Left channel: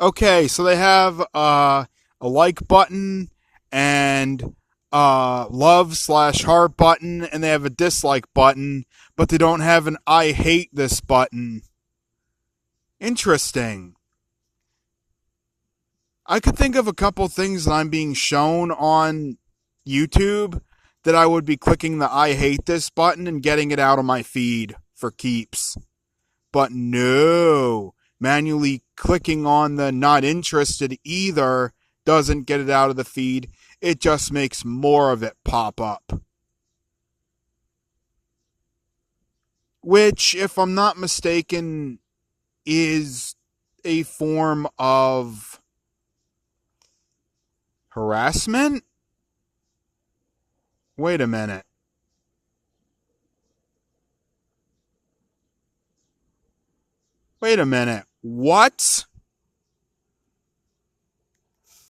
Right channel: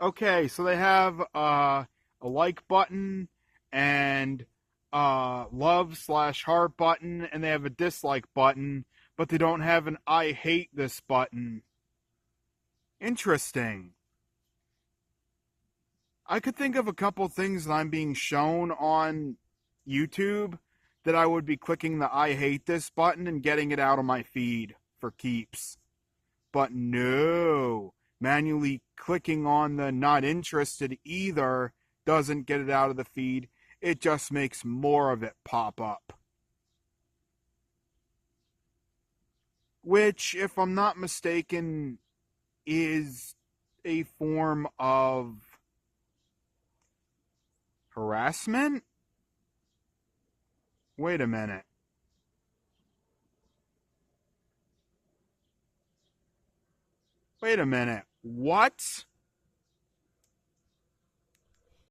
Okay, so they have a like button and love slash heart button, and they have a dislike button, but they don't have an I hate this button. Interesting. I could think of a couple things that I'm being shown on YouTube that I would be clicking the I hate this button and getting it out of my feed for keeps. But no, manually clicking on the not interested either doesn't get it out of the feed. It just makes more of it pop up. Which, if I'm not mistaken, is a form of harassment? Wait a minute. Wait a minute. What?